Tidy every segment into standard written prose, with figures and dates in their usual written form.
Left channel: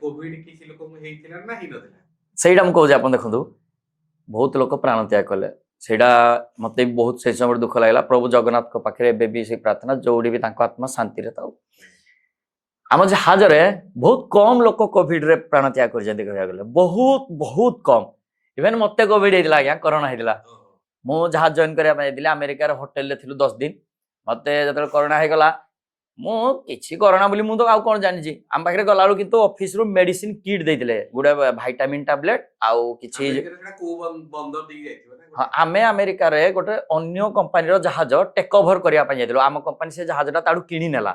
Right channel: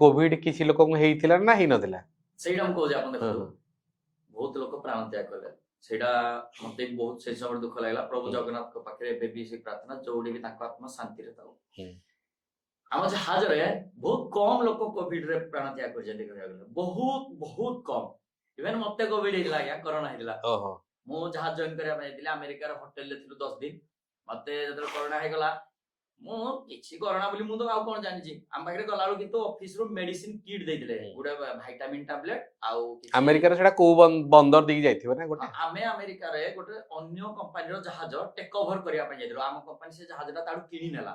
Covid କିଛି ଲୋକଙ୍କୁ ହେଇଥିଲା ନା ହେଇନଥିଲା? ସେଇଟା ମୁଁ କହୁଛି ଆପଣ ଦେଖନ୍ତୁ ବହୁତ ଲୋକ ପ୍ରାଣ ତ୍ୟାଗ କଲେ ସେଇଟା ମତେ ବି ବହୁତ ସେଇ ସମୟରେ ଦୁଃଖ ଲାଗିଲା। ପ୍ରଭୁ ଜଗନ୍ନାଥଙ୍କ ପାଖରେ ଏବେ ବି ସେଇ ପ୍ରାର୍ଥନା ଯୋଉଠି ବି ତାଙ୍କ ଆତ୍ମା ଶାନ୍ତିରେ ଥାଉ। ଆମ ଜାହାଜରେ ବହୁତ କମ ଲୋକ କୋଭିଡ ରେ ପ୍ରାଣ ତ୍ୟାଗ କରିଛନ୍ତି କହିବାକୁ ଗଲେ ବହୁତ ବହୁତ କମ। ଇଭେନ ମତେ କୋଭିଡ ହେଇଥିଲା ଆଜ୍ଞା, କରୋନା ହେଇଥିଲା। ମୁଁ ଜାହାଜ ଜଏନ କରିବା ପାଇଁ ଯାଇଥିଲି ଆମେରିକାର ହୋଟେଲରେ ଥିଲୁ 10 ଦିନ। ମତେ ଯେତେବେଳେ କରୋନା ହେଇଗଲା ମୁଁ କିଛି କରୋନା ବୋଲି ମୁଁ ତ ଆଉ କଣ ଜାଣିଛି। ଆମ ପାଖରେ ଗଲାବେଳୁ କିନ୍ତୁ ଅଫିସରୁ ମେଡିସିନ କିଟ୍ ଦେଇଥିଲେ, ଗୋଟେ ଭାଇଟାମିନ ଟାବଲେଟ ଆଉ କିଛି। ଆମେରିକାର ସେଟା କୋଉ ବନ୍ଦର ଦେଇକି ଯାଇଥିବ ନା? ଆମେ ଆମେରିକାରେ ଗୋଟେ ଅନ୍ୟ କମ୍ପାନୀର ଜାହାଜ ଟେକ୍ ଓଭର କରିବା ପାଇଁ ଯାଇଥିଲୁ। ଆମ କମ୍ପାନୀ ସେ ଜାହାଜଟା ତାଠୁ କିଣି ନେଲା।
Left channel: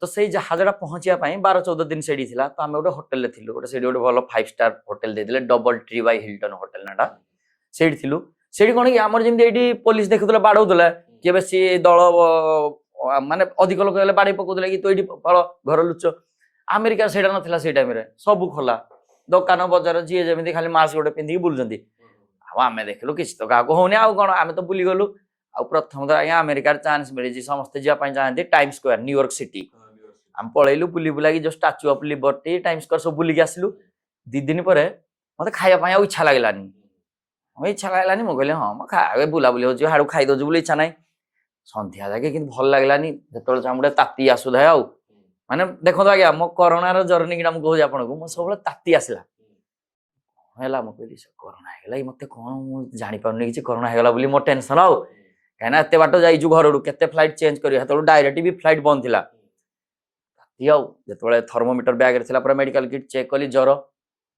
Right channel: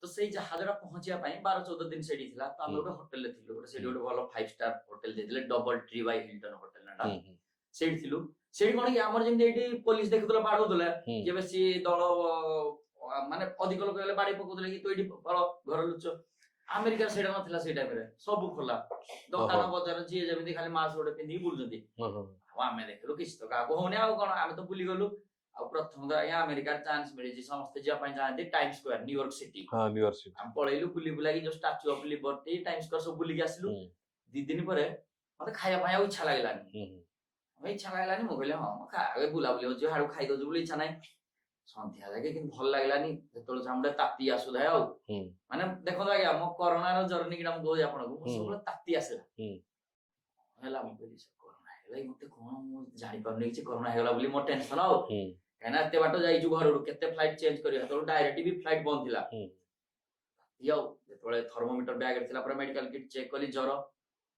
ତ ସେଇ ଜାହାଜଟା ପହଞ୍ଚିବା ପାଇଁ 12-14 ଦିନ ସେଠି ଥିଲା। ତ ଆମେ ଗୋଟେ ହୋଟେଲରେ ଥିଲୁ, ଗୋଟେ ସେଠି ଗୋଟେ ଭଲ 5 ଷ୍ଟାର ହୋଟେଲ ଦେଇଥିଲେ, DoubleTree by Hilton hotel ନାଟା। ସେଇଠି ଥିଲୁ। ସେଇଠି କଣ କି ଆମର ଯେମିତି ଏଇଠି ପୋଲିସ ଦେଖୁଥିଲେ ବାଡଉଥିଲେ କି ବେଶୀ ଦଳ ମାନେ ଅଧିକ ଲୋକ ହେଲେ ବାଡେଇ ପକଉଥିଲେ କି ତୁ ଏଇଠି ଫଳ ଘର ଲୁଚ। ଆମେରିକାରେ ସେଇଟା ନଥିଲା। ସେଇ ଟାଇମରେ ସବୁ ଖୋଲା, ଦୋକାନ ବଜାର ଯିଏ ଯେମିତି ଖାଲି ମାସ୍କ ଗୋଟେ ପିନ୍ଧିକି ବୁଲୁଛନ୍ତି। ଆଉ ଆମେ ଦେଖିଲୁ କିଛି ତ କାହାକୁ ହଉନି, ଆଉ କଣ ଆମେ ତ ବୁଲିଗଲୁ। ଆଉ ପ୍ରଥମ ତ ଆଜ୍ଞା ଆମେରିକାର ଚାନ୍ସ ମିଳିଛି, ସମସ୍ତେ ଯିବା ପାଇଁ ଚାହାନ୍ତି ଟାଇମ ସ୍କୋୟାର ନ୍ୟୁୟର୍କ ସିଟି। ଆମେ ପଳେଇଲୁ ବୁଲି ବୁଲାକି ଯୋଉ statue of liberty time square ସବୁ ବୁଲିକି ଆସିଲୁ। 2 ଦିନ ପରେ ମତେ ଖାଇବା ପାଇଁ ଆଉ ଇଚ୍ଛା ଲାଗିଲାନି। ମୁଁ କହିଲି ହଁ ମୁଁ ଖାଇବା ବୁଲାବୁଲି ହଉଛି ହାଡୁ ଖାଇଦଉଛି ବୋଲି ଇଚ୍ଛା ନାହିଁ। ସନ୍ଧ୍ୟା ଯାକେ କିନ୍ତୁ ଭଲ ଲାଗିଲାନି, ଯେତେବେଳେ ଚାମୁଡେ ତାତି ଆସୁଥାଏ। ଆଉ ମାନେ ଦେଖନ୍ତୁ ଆଜ୍ଞା ମୋ କରୋନାର ଜର୍ଣ୍ଣି ମୁଁ କହୁଛି ଆପଣଙ୍କୁ, ମୋ ସବୁବେଳେ ତାତି ଆସିଲା ହେଲା। ମୁଁ କହିଲି କରୋନା ହେଇଗଲା ମତେ କଣ, ମୁଁ ଜାଣିପାରୁନି କିଛି କରୋନା ହେଇଗଲା ବୋଲି ମୋ ଟେନସନ। ଆଉ କାହିଁକିନା ଏତେ ବାଟ ଯାଇଛୁ ଘରଠୁ, କେତେ ଫ୍ଲାଇଟ୍ ଚେଞ୍ଜ କରିବ, ସେତେବେଳେ ଡାଇରେକ୍ଟ ବି ଫ୍ଲାଇଟ୍ ବନ୍ଦ ଥିଲା। ଆଉ ଯେତେବେଳେ ଥର୍ମୋମିଟର ବ୍ୟାଗରେ ଥିଲା ପୁରା ମେଡିକାଲ କିଟ୍ ଚେକ୍ କଲି ଜ୍ୱର